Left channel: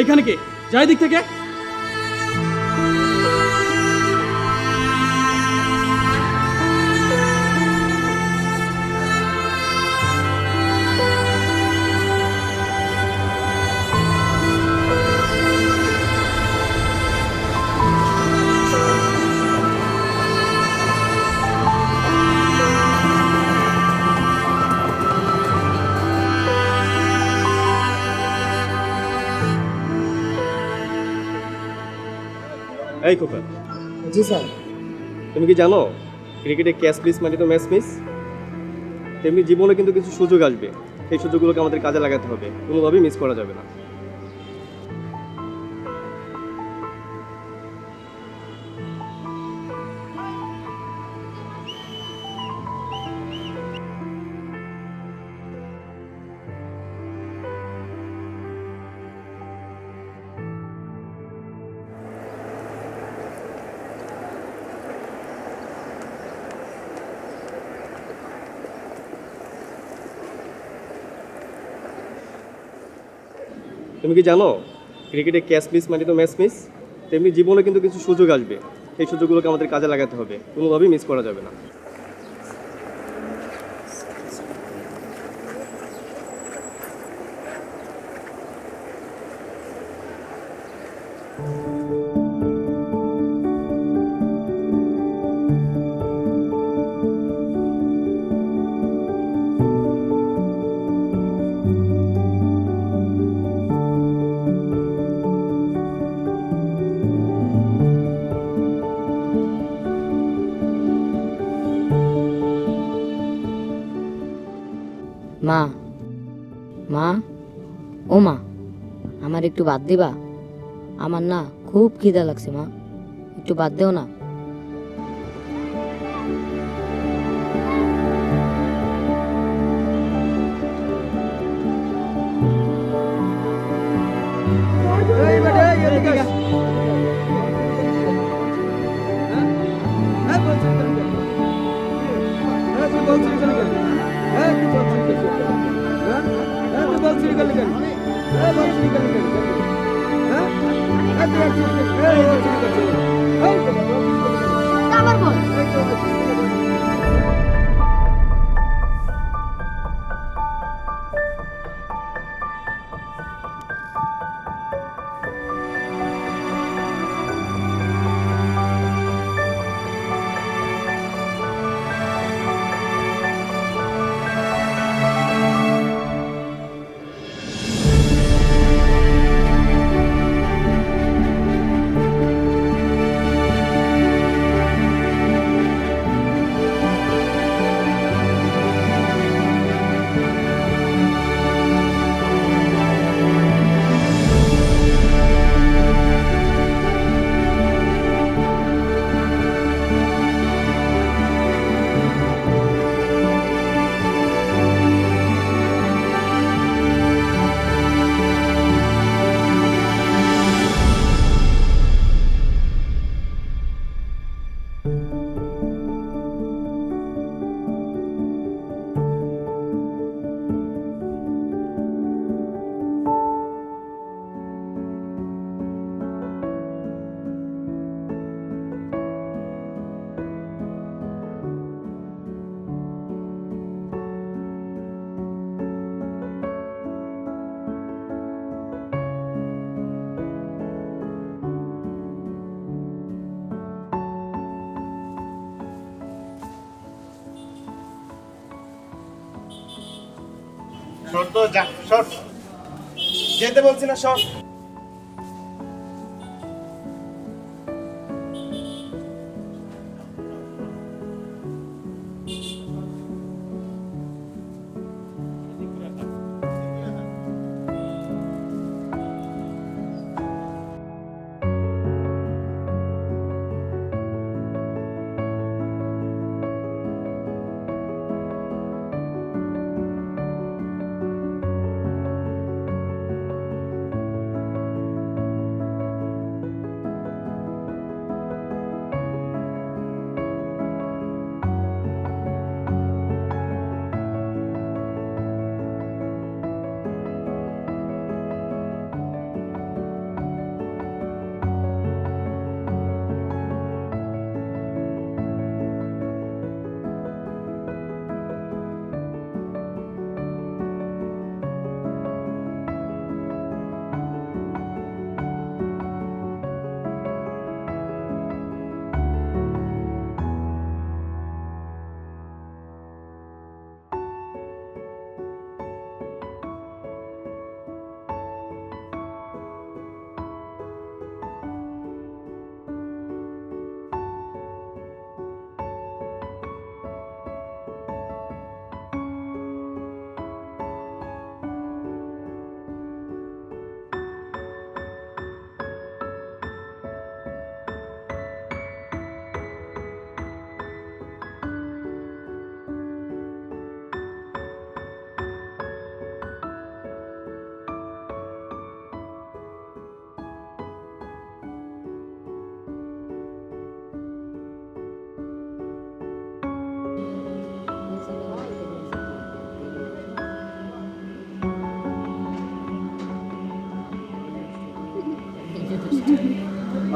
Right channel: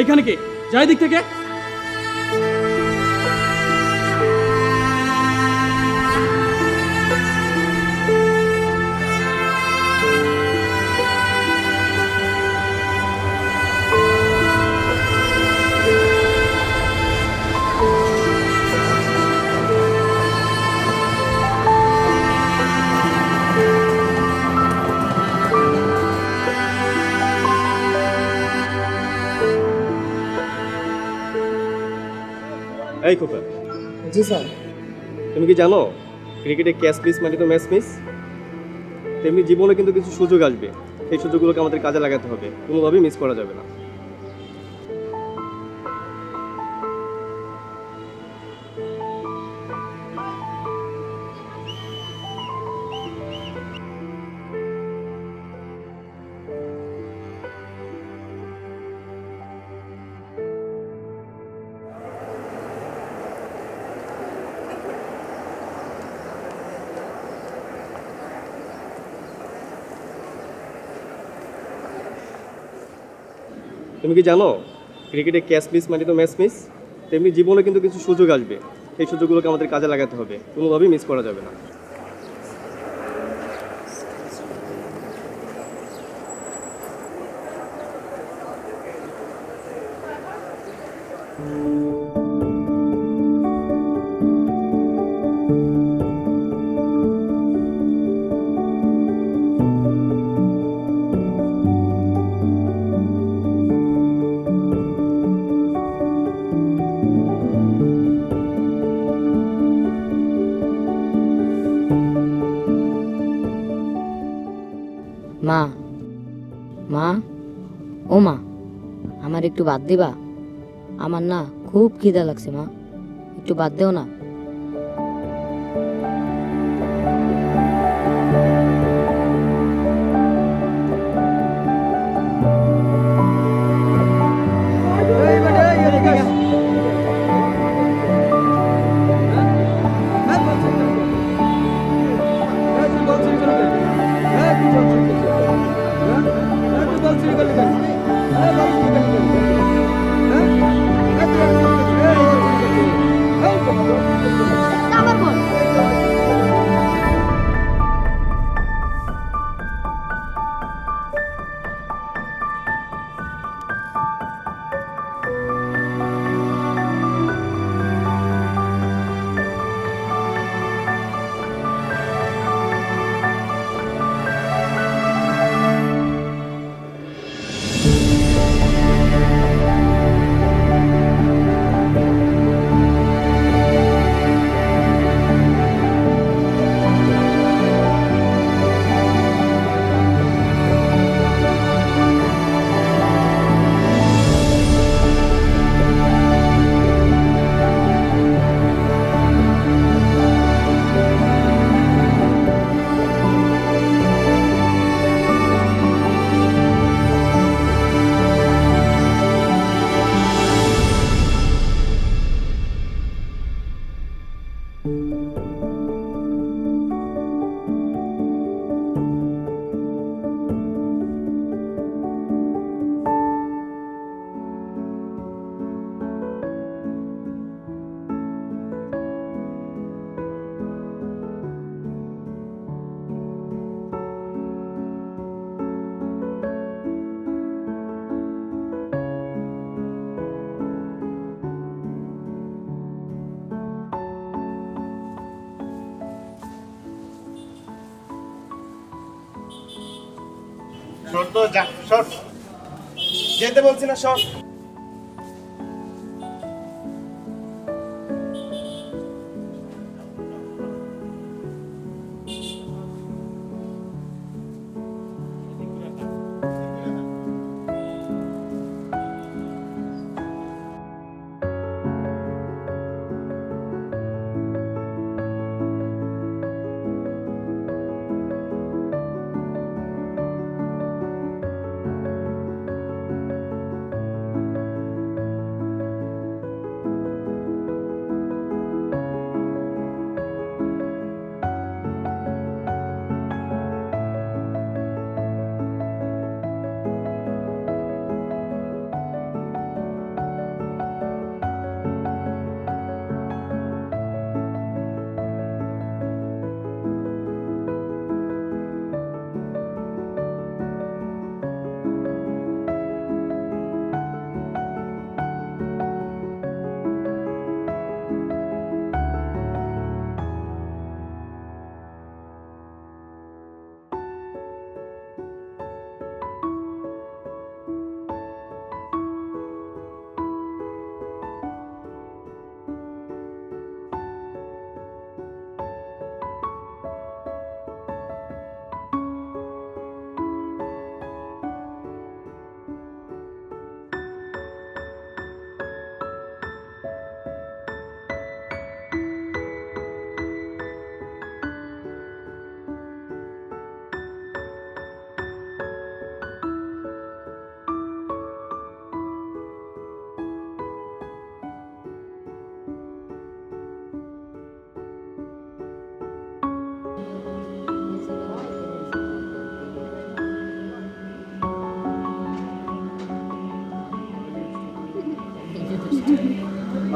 এইখানে কে যাই দিক থেকে। এই খোকা, জি স্যার। তুমি কি জানো ক্রিকেটে ক্যাচ মিস মানে তো ম্যাচ মিস? তেমনি জীবনে কিন্তু কিছু সুযোগ আসবে, সেই সুযোগগুলোকে আমাদের কাজে লাগাতে হবে, কোনোভাবেই মিস করা যাবে না। তুমি কি জানো ক্রিকেটে ক্যাচ মিস মানে তো ম্যাচ মিস? তেমনি জীবনে কিন্তু কিছু সুযোগ আসবে, সেই সুযোগগুলোকে আমাদের কাজে লাগাতে হবে, কোনোভাবেই মিস করা যাবে না। মা, মা, ও মা, আমার একটু ভাত দিবা? আমার না খুব খিদা লাগছে মা, একটু ভাত দেও না। আমার বল সর তো যা সর, যেতে বলছি না সর।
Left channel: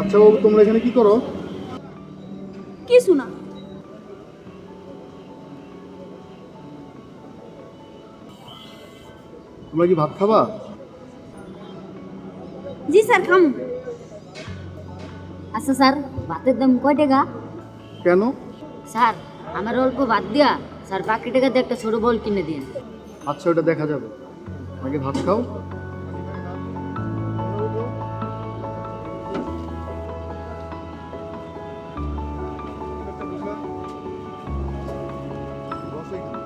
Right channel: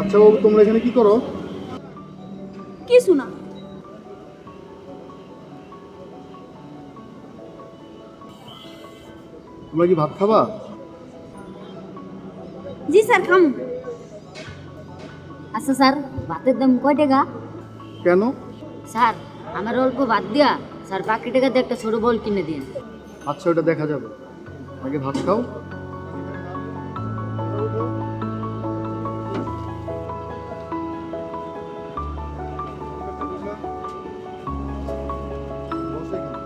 আচ্ছা বাবু, তোমরা এখানে কি করো? কিছু না। তোমরা কি ভাত খাবা? জি স্যার, খামু। আচ্ছা স্যার, ভাতের দাম কয় টাকা? কেন? স্যার, আমার অল্প ভাত দিয়া স্যার বাকি টাকা দিয়ে একটা ছোট বল কিনে দিন। আচ্ছা, ওটা দেখা যাবে, আগে ভাত খাও। বসো এখানে।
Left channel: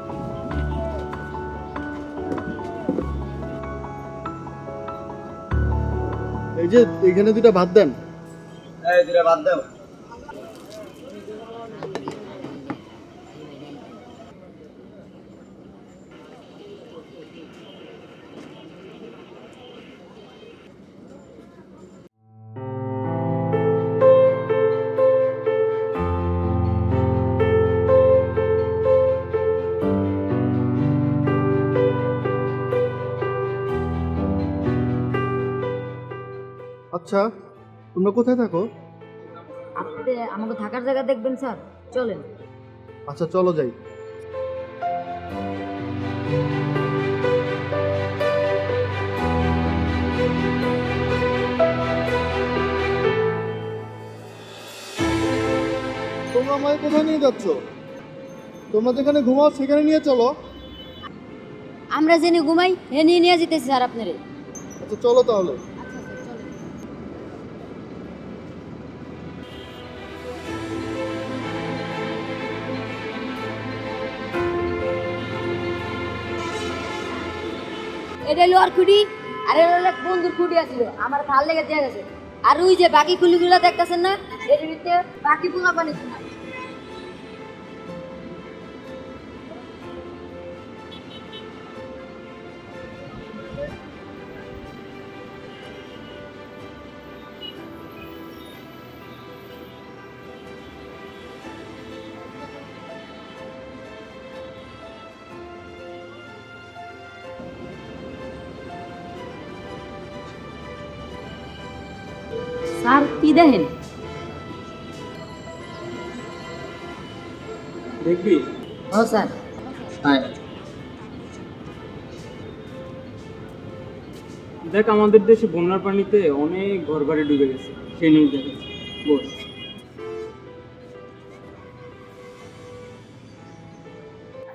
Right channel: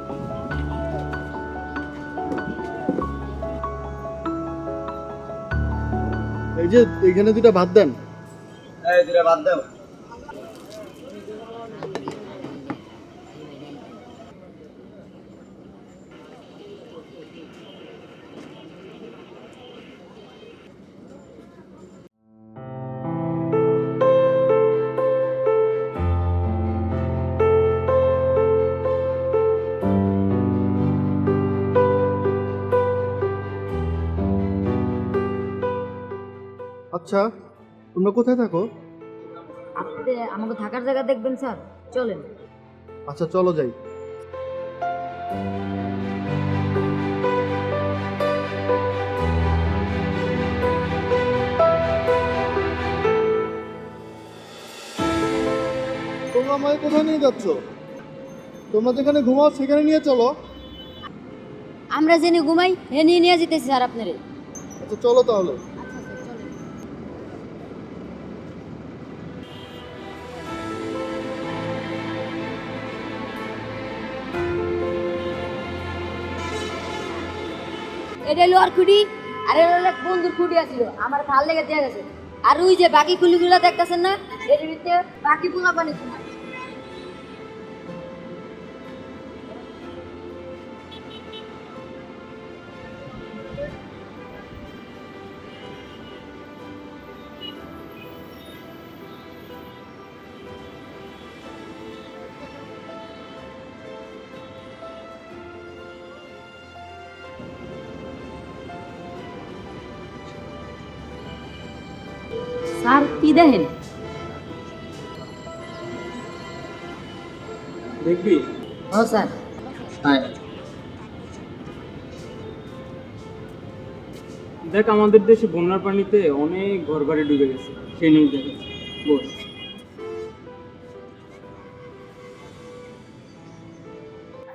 এই যে এখানে দুইটা ভাত দেন। এই দুটা বাদ দাও। আচ্ছা, তোমরা কোথায় থাকো? আপনি আমাকে থাকার জায়গা দেখবেন স্যার, চলেন। আচ্ছা, চলো যাই। তোমরা আমাকে কোথায় নিয়ে যাচ্ছ? তোমরা যেখানে ঘুমাও সেখানে নিয়ে চলো। আমরা জেনে ঘুমাই, হে নিয়ে নিয়ে যেতেছি স্যার আপনারে। আচ্ছা, চলো তাহলে। এটা হলো আর খুঁটি, আর এটা হলো এক বন্ধুর খুঁটি আছিল, আমার ভাল লেগে দেয়া গেছে। আর ওই যে বাকি খুলিগুলো দেখতেছেন না, এর ভিতরে বাকি পোলা পানি ঘুমায়। স্যার কি দেখেন? দেখবি? ও স্যার, দেখ, আমাদের দেশে বন্যার পানিতে অনেক ঘর বাড়ি ডুবে গেছে, সেই নিউজ দেখাচ্ছে। বস।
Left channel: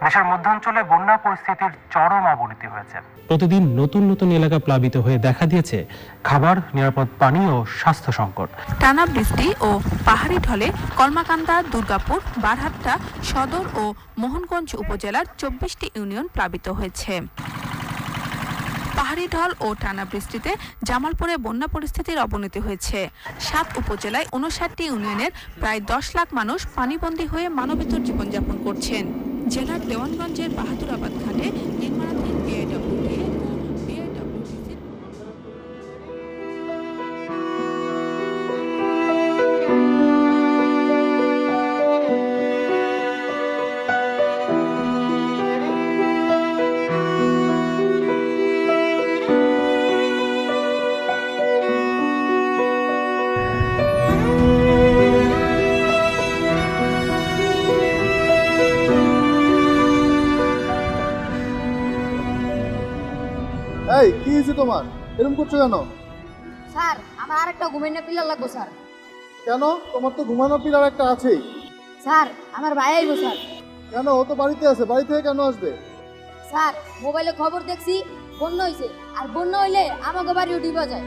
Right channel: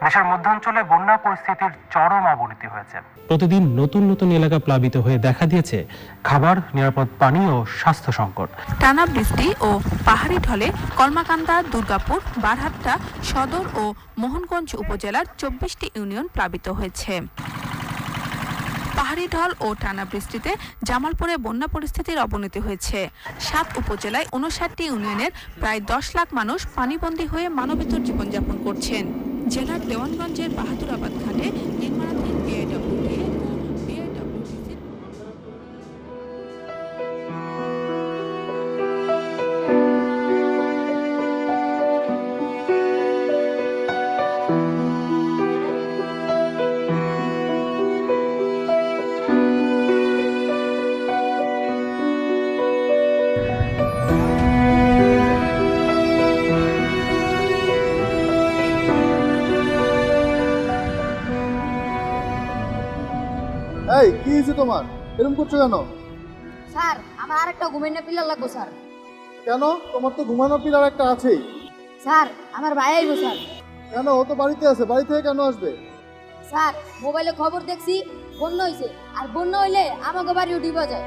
দেশের মধ্যাঞ্চলে বন্যা পরিস্থিতির চরম অবনতি হয়েছে। প্রতিদিন নতুন নতুন এলাকা প্লাবিত হয়ে দেখা দিয়েছে খাবার, নিরাপদ পানি ও স্বাস্থ্য সংকট। টানা বৃষ্টি ও পাহাড়ি ঢলে কলমাকান্দা, দুর্গাপুর, বারহাট্টা সদর ও মোহনগঞ্জ উপজেলার 24টি ইউনিয়ন প্লাবিত হয়েছে। পাহাড়ি ঢল ও টানা বৃষ্টিতে জামালপুরে বন্যা পরিস্থিতির অবনতি হয়েছে। 7 উপজেলায় 59টি ইউনিয়নের প্রায় 10 লাখ মানুষ পানিবন্দী হয়ে মানবেতর জীবনযাপন করছেন। জেলার দেওয়ানগঞ্জের বাহাদুরাবাদ ঘাটে নির্মাণাধীন বিআইডব্লিউটিএ ও বিআইডব্লিউটিসির এই কি হয়েছে তোমার? এরকম করছো কেন? স্যার আমার আরেকটা ঘুমের পিলার লাগবো স্যার। কেন? তোমার তো ঘুমানো পিলার একটা আছেই। স্যার আমার ভাই আইব স্যার। কেন? ও তো বাড়িতে আছে, বাড়ি থেকে কেন আসবে? স্যার মোবাইলে খবর দেখছি বন্যা হয়েছে, আর বন্যা হইলে আমাকে বাড়িও ডুবা যায়।